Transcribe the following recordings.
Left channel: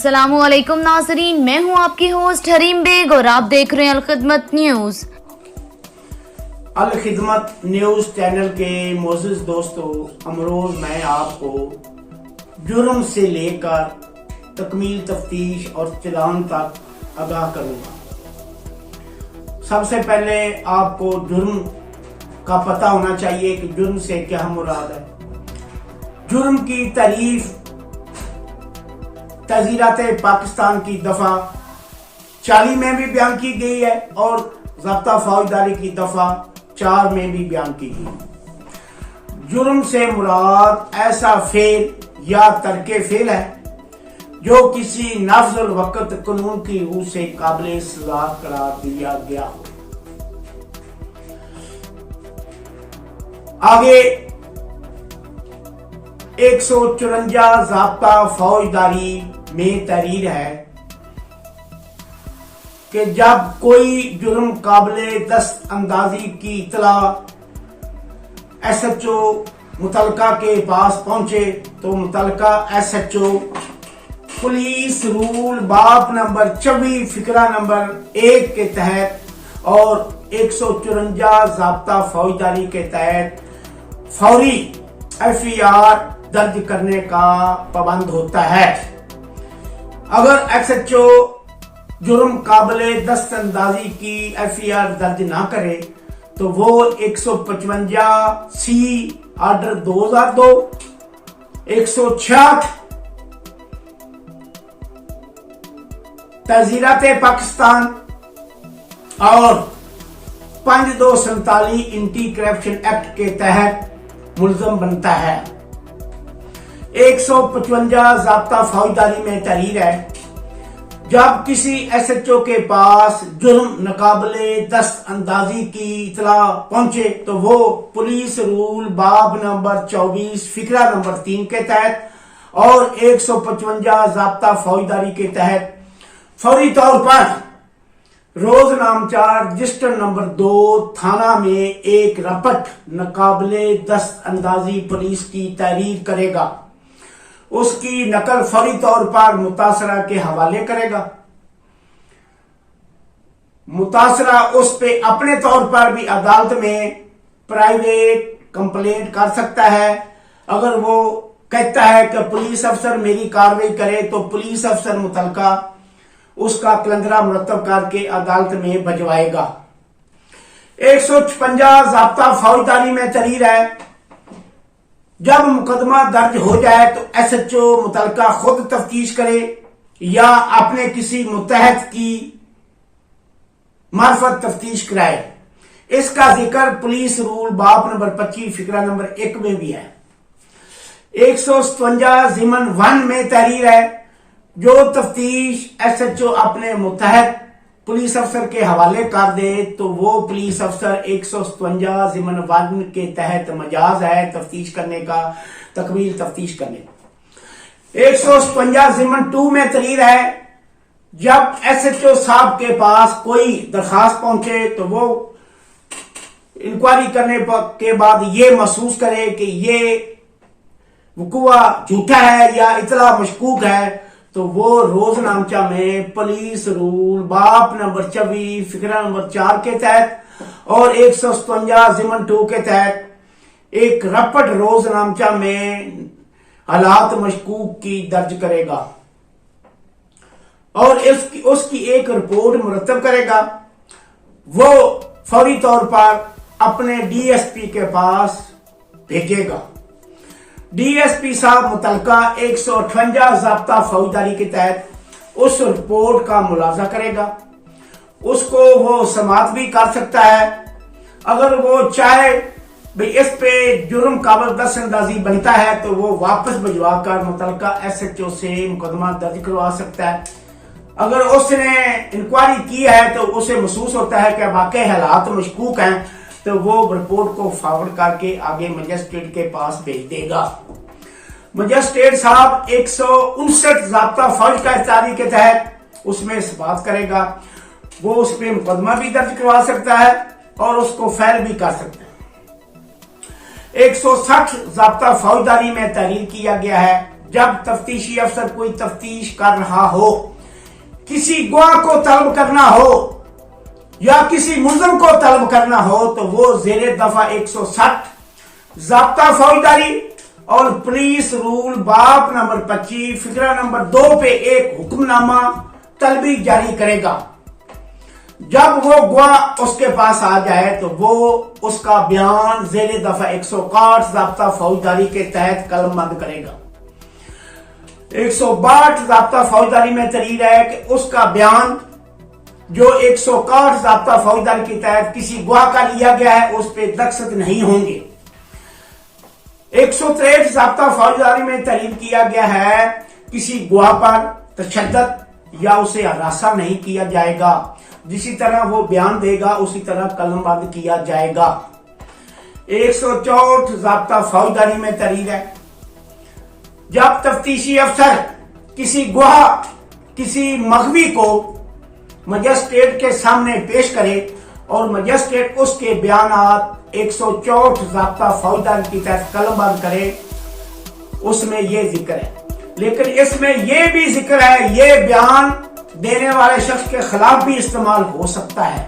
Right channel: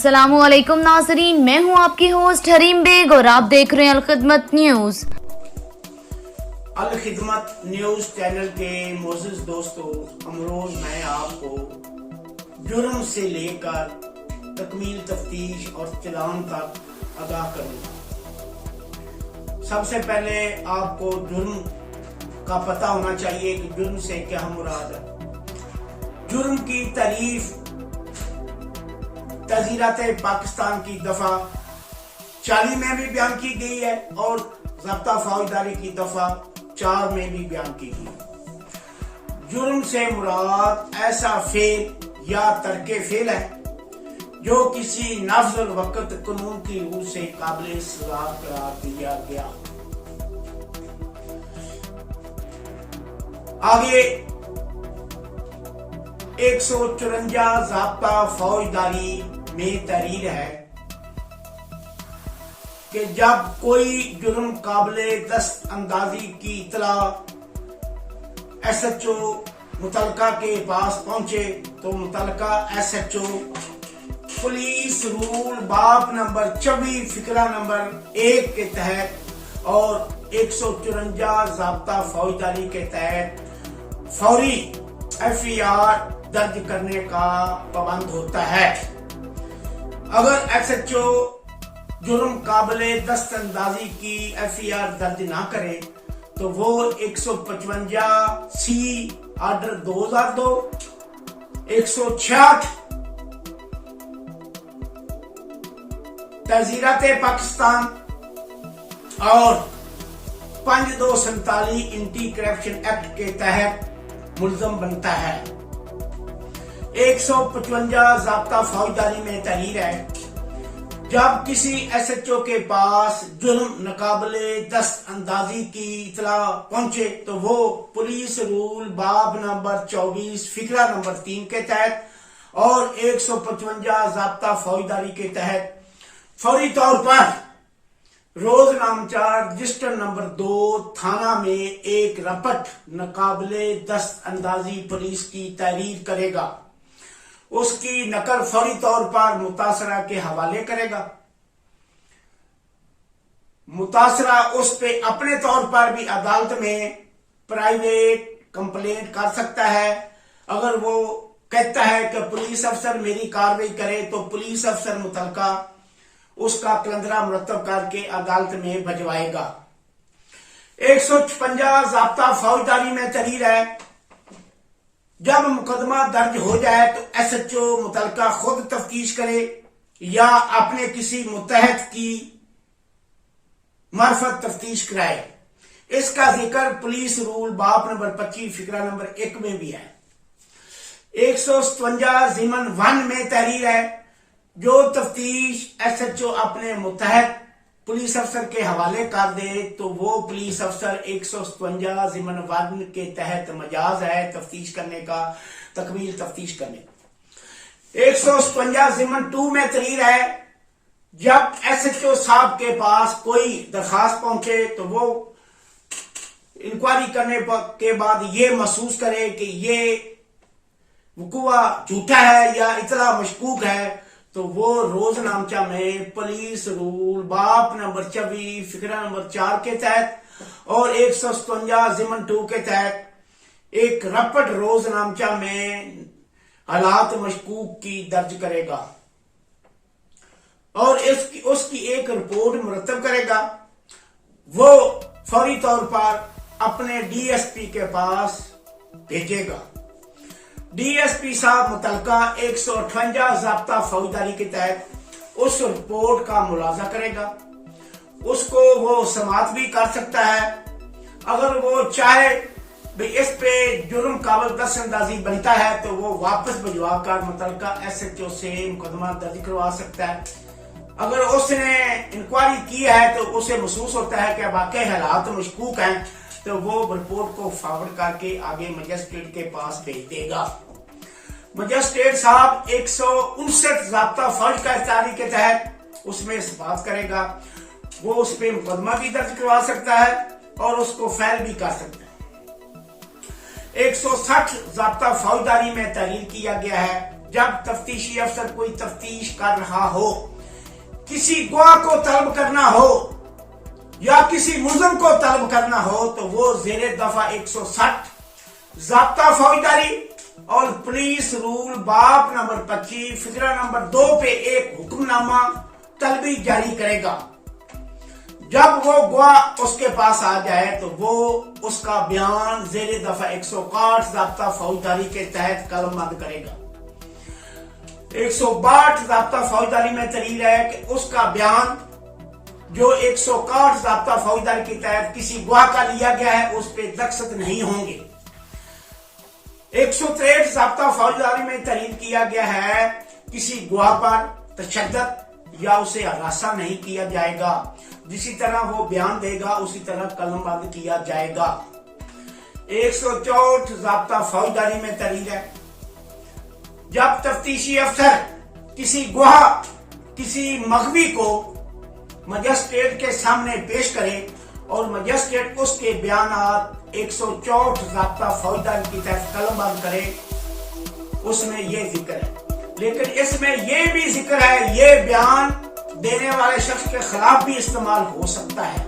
अस्सलामु अलैकुम नाज़रीन, मैं हूं आपकी होस्ट हरीम बेग और आप देख रहे हैं Alkhidmat news. Alkhidmat news channel के मोअज़्ज़िज़ दोस्तों, अमरोज मैं आपको जुर्म से लेकर तकमील तफ्तीश और चालान तक आगाह करूंगा। सबसे पहले आपको जुर्म का पता होना चाहिए कि जुर्म से क्या मुराद है। जुर्म की तारीफ तज़ीरात पाकिस्तान की दफा 40 में भी बयान की गई है और ज़ब्ता फौजदारी की दफा 4 में भी बयान की गई। जुर्म से मुराद ऐसा फेल या तर्के फेल है जो किसी नाफ़िज़ुल वक़्त कानून की रूह से काबिल सज़ा करार दिया गया। आगे 154 ज़ाब्ता फौजदारी में तहरीर है कि जब कोई जुर्म काबिले दस्त अंदाजी की इतला SHO मुतलका के पास पहुंचे तो मुतलका SHO पुलिस रूल बाब नंबर 24 फिकरा नंबर 1 के तहत और 154 ज़ाब्ता फौजदारी के तहत फौरी FIR दर्ज करने का पाबंद होता है। अगर SHO जुर्म काबिले दस्त अंदाजी की FIR दर्ज ना करे तो वो 155C आर्डर 2002, 166 तज़ीरात पाकिस्तान और 5247 एंटी करप्शन एक्ट के तहत मुल्ज़म बनता है। 155 ज़ाब्ता फौजदारी में तहरीर है जब किसी SHO के पास जुर्म नाकाबिले दस्त अंदाजी की इतला पहुंचे तो वो पुलिस रूल बाब नंबर 24 फिकरा नंबर 3 के तहत और 155 ज़ाब्ता फौजदारी के तहत फौरी तौर पर रोज नामचार रजिस्टर नंबर 2 थाना में एक रपट नाकाबिले दस्त अंदाजी पुलिस की तहरीर करेगा। उसकी नकल फौरी तौर पर मुतासरा के हवाले करेगा। मुतासरा उस पे अपने तौर पर भी अदालत में प्राइवेट कंप्लेंट कर सकता है। अगर वो कहता है कि पुलिस अफसर मेरी कार्रवाई करे तो पुलिस अफसर मुतलका उसका कलंदरा मुरतब करके अदालत में भिजवाएगा। 156 ज़ाब्ता फौजदारी में तहरीर है जब मुकदमा दर्ज हो जाए तो SHO मुतलका खुद तफ्तीश करे या अपने किसी मुतहद की मार्फत तफ्तीश कराए। इसका जिक्र पुलिस रूल बाब नंबर 25 फिकरा नंबर 1 में भी है। 157 ज़िमन 1 में तहरीर है जो तफ्तीश SHO अपने मुतहद पुलिस अफसर के हवाले कर दे तो वो पुलिस अफसर 157 ज़िमन 1 के तहत मजाज है तफ्तीश करने का, तकमील तफ्तीश करने का। 157 ज़िमन 2 में तहरीर है जब SHO साहब के पास कोई दरखास्त पहुंचे तो वो इंक्वायरी करने के बाद ये महसूस करे कि ये वक़ुआ झूठा है या इतला मशकूक है तो वो रोज नामचा में पुलिस रूल बाब नंबर 24 फिकरा नंबर 4 के तहत और 157 ज़िमन 2 के तहत एक रपट रोज नामचा में हालात मशकूक की दर्ज करेगा और उसकी एक रिपोर्ट मुरतब करेगा। वो फौरी तौर पर अपने DSP के पास भेजेगा। DSP साहब मुतलका 158 ज़ाब्ता फौजदारी के तहत उस रिपोर्ट का मुलाजा करेगा। उसको वो समात भी कर सकता है। अगर वो चाहे भाई इस पे जुर्म काबिल दस्त अंदाजी बनता है तो वो वापस भिजवा कर मुतलका SHO से मुकदमा दर्ज करवा सकता है। अगर उसने इंक्वायरी की है तो उसे महसूस होता है कि वाकई हालात मशकूक हैं तो वो रिपोर्ट को फॉरवर्ड करके आगे मजिस्ट्रेट के पास भेज देगा। मजिस्ट्रेट साहब 159 ज़ाब्ता फौजदारी के तहत उसमें इस्बात करेगा। वो उस पर मुकदमा भी दर्ज करवा सकता है और उसको फैल भी कर सकता है। 160 ज़ाब्ता फौजदारी में तहरीर किया गया है जब तफ्तीशी अफसर कोई तफ्तीश कर रहा हो, किसी गवाह को तलब करना हो या किसी मुलजम को तलब करना हो तो वो जेरे दफा 160 ज़ाब्ता फौजदारी और पुलिस रूल बाब नंबर 25 फिक्रा नंबर 2 पे एक हुक्मनामा तलबी जारी करेगा। जब वो गवाह उसके पास आ जाए तो वो उसका बयान जेरे दफा 161 ज़ाब्ता फौजदारी के तहत कलमबंद करेगा। 162 ज़ाब्ता फौजदारी में तहरीर है कि उसका बयान जो 161 ज़ाब्ता फौजदारी के तहत किसी गवाह का लिया गया है उस पर दस्तखत नहीं होंगे। 163 ज़ाब्ता फौजदारी में तहरीर किया गया है किसी गवाह पर तशद्दुद या उसे हरासा नहीं किया जाएगा, जिसी तरह वो बयान देगा उसी तरह कलमबंद किया जाएगा। 164 ज़ाब्ता फौजदारी में तहरीर है जब तफ्तीशी अफसर किसी गवाह किसी मगवी को मजिस्ट्रेट के सामने पेश करे और मजिस्ट्रेट उसके बयानात 164 ज़ाब्ता फौजदारी की तहत कलमबंद करे, उसमें ये जिक्र है। लेकिन इसमें ये भी जिक्र है ये बयान देने वाले शख्स के खिलाफ भी इस्तेमाल हो सकता है।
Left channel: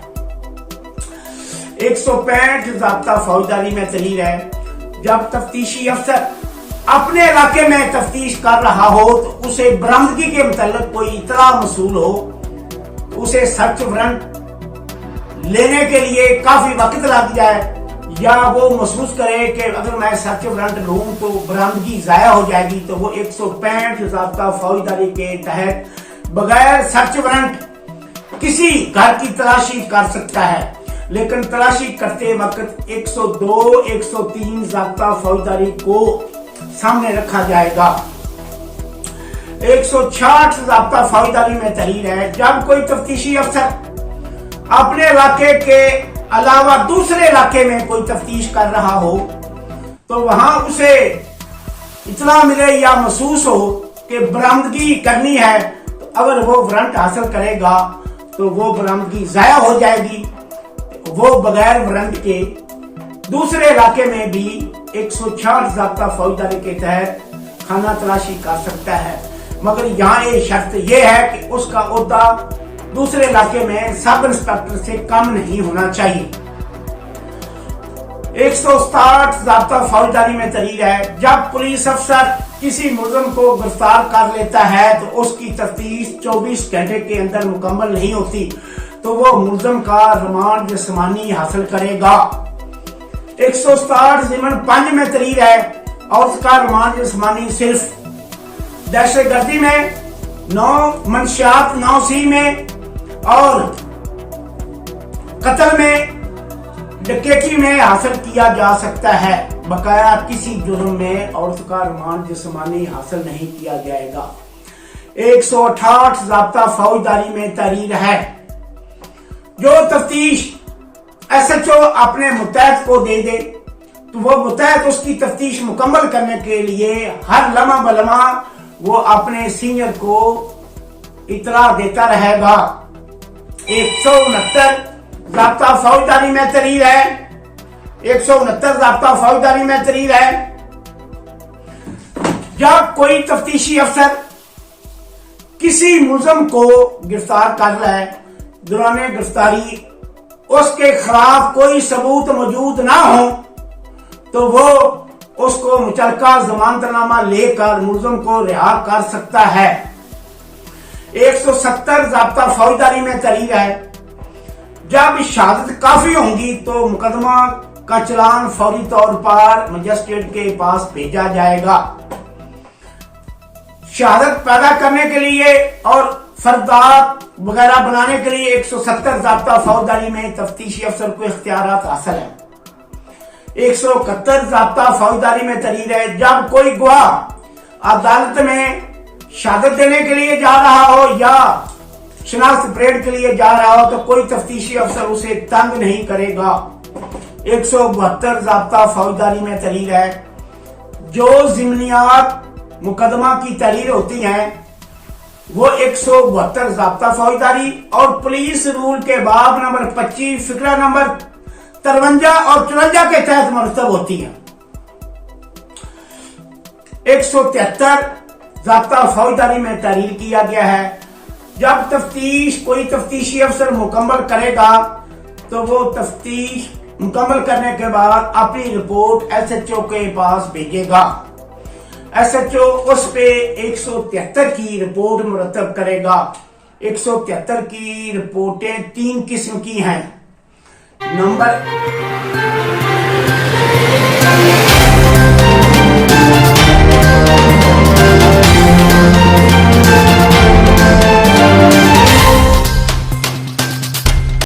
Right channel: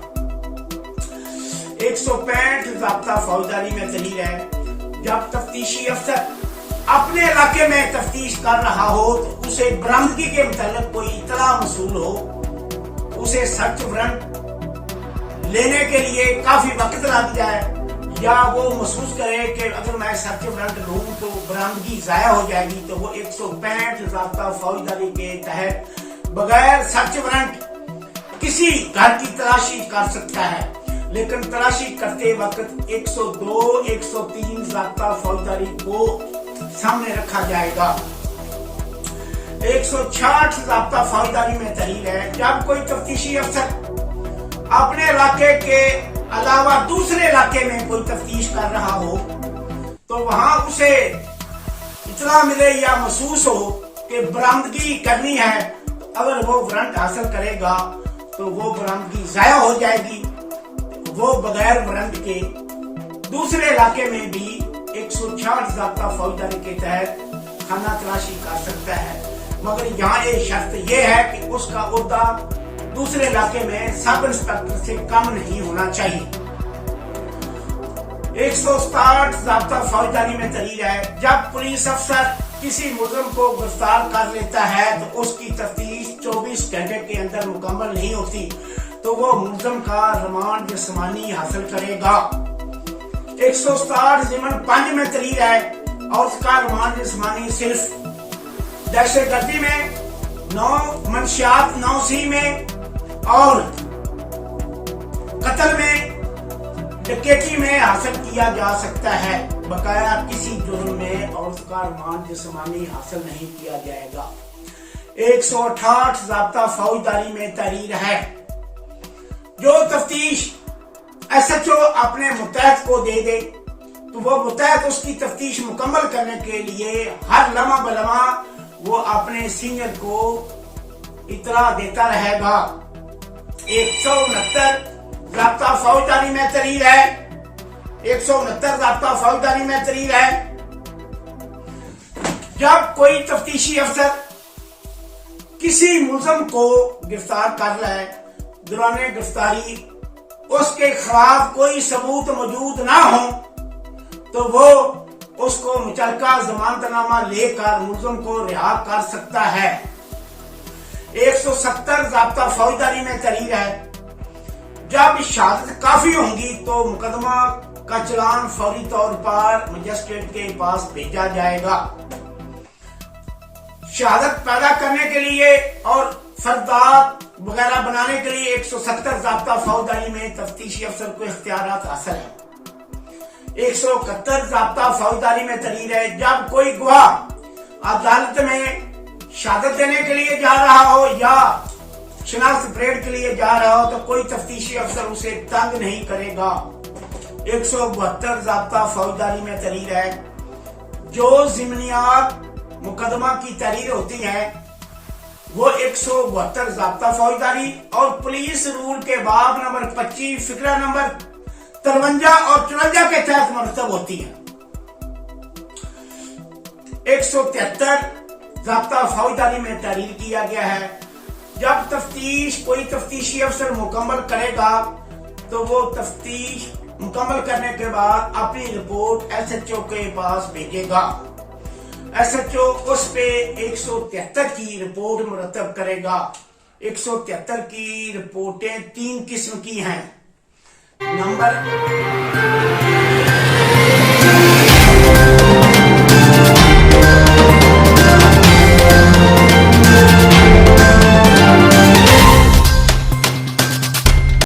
165 ज़ाब्ता फौजदारी में तहरीर है जब तफ्तीशी अफसर अपने इलाके में तफ्तीश कर रहा हो तो उसे बरामदगी के मुताल्लिक कोई इतला मसूल हो, उसे सर्च वारंट लेने के लिए काफी वक्त लग जाए या वो महसूस करे कि अगर मैं सर्च वारंट लूं तो बरामदगी जाया हो जाएगी, तो वो 165 ज़ाब्ता फौजदारी के तहत बगैर सर्च वारंट किसी घर की तलाशी कर सकता है। लेकिन तलाशी करते वक्त 102, 103 ज़ाब्ता फौजदारी को सामने रखा जाएगा। 160 ज़ाब्ता फौजदारी में तहरीर है जब कोई तफ्तीशी अफसर अपने इलाके के अलावा दूसरे इलाके में कोई तफ्तीश कर रहा हो तो वहां उसे इतना मिले या महसूस हो कि बरामदगी करनी है, तो अगर वो वारंट हासिल करेगा तो वो बरामदगी जाया हो जाएगी। वो बगैर वारंट के दूसरे इलाके में भी 160 ज़ाब्ता फौजदारी के तहत खाना तलाशी कर सकता है, मगर यहाँ ये शर्त ये है कि उसका ओहदा दूसरे इलाके में सब इंस्पेक्टर से कम नहीं होना चाहिए। 160 ज़ाब्ता फौजदारी में तहरीर है जब पुलिस अफसर किसी मुलज़िम को गिरफ्तार कर लेता है तो उसकी तफ्तीश 24 घंटे के अंदर मुकम्मल नहीं होती तो वो मुलज़िम का रिमांड जिस्मानी हासिल करेगा। 160 ज़िमन 5 में तहरीर है और उसका रिमांड जिस्मानी सिर्फ दहशतगर्दी में 9 मंशियात 9C में और कत्ल में डकैती में हासिल किया जा सकता है, बकाया किसी जुर्म में और उसका रिमांड जिस्मानी हासिल नहीं किया जाएगा। 168 ज़ाब्ता फौजदारी में तहरीर है जो तफ्तीश SHO अपने मुतहद को दे दे तो वो मुतहद उसकी तफ्तीश मुकम्मल करने के लिए हर लम्हा बलम्हा वो अपने सीनियर को इतला देता रहेगा। 169 ज़ाब्ता फौजदारी में तहरीर है 169 ज़ाब्ता फौजदारी में तहरीर है जब कोई तफ्तीशी अफसर किसी मुलज़िम को गिरफ्तार कर रहा है, दौरान गिरफ्तारी उसके खिलाफ कोई सबूत मौजूद ना हो तो वो उसको मुचलका जमानतनामा लेकर मुलज़िम को रिहा कर सकता है। 170 ज़ाब्ता फौजदारी में तहरीर है जब शहादत काफी होंगी तो मुकदमा का चलान फौरी तौर पर मजिस्ट्रेट के पास भेजा जाएगा। शहादत पैदा करने के लिए और फर्दात वगैरह बनाने के लिए 170 ज़ाब्ता फौजदारी में तफ्तीशी अफसर को इख्तियारात हासिल है। 171 ज़ाब्ता फौजदारी में तहरीर है जब कोई गवाह अदालत में शहादत देने के लिए जा रहा हो या शनाख्त परेड के लिए जा रहा हो तो कोई तफ्तीशी अफसर उसे तंग नहीं करेगा। 172 ज़ाब्ता फौजदारी में तहरीर है जो ज़िमनियात मुकदमा की तहरीर होती हैं वो 172 ज़ाब्ता फौजदारी और पुलिस रूल के बाब नंबर 25 फिक्रा नंबर 53 और 54 के तहत मरतब होती है। 173 ज़ाब्ता फौजदारी में तहरीर किया गया है। जब तफ्तीश कोई तफ्तीशी अफसर मुकम्मल करेगा तो वो तफ्तीश मुकम्मल करने के बाद अपनी रिपोर्ट SHO के पास भेजेगा। SHO उस पे 173 की रिपोर्ट मुरतब करेगा। 173 की रिपोर्टें 3 किस्म की हैं। नंबर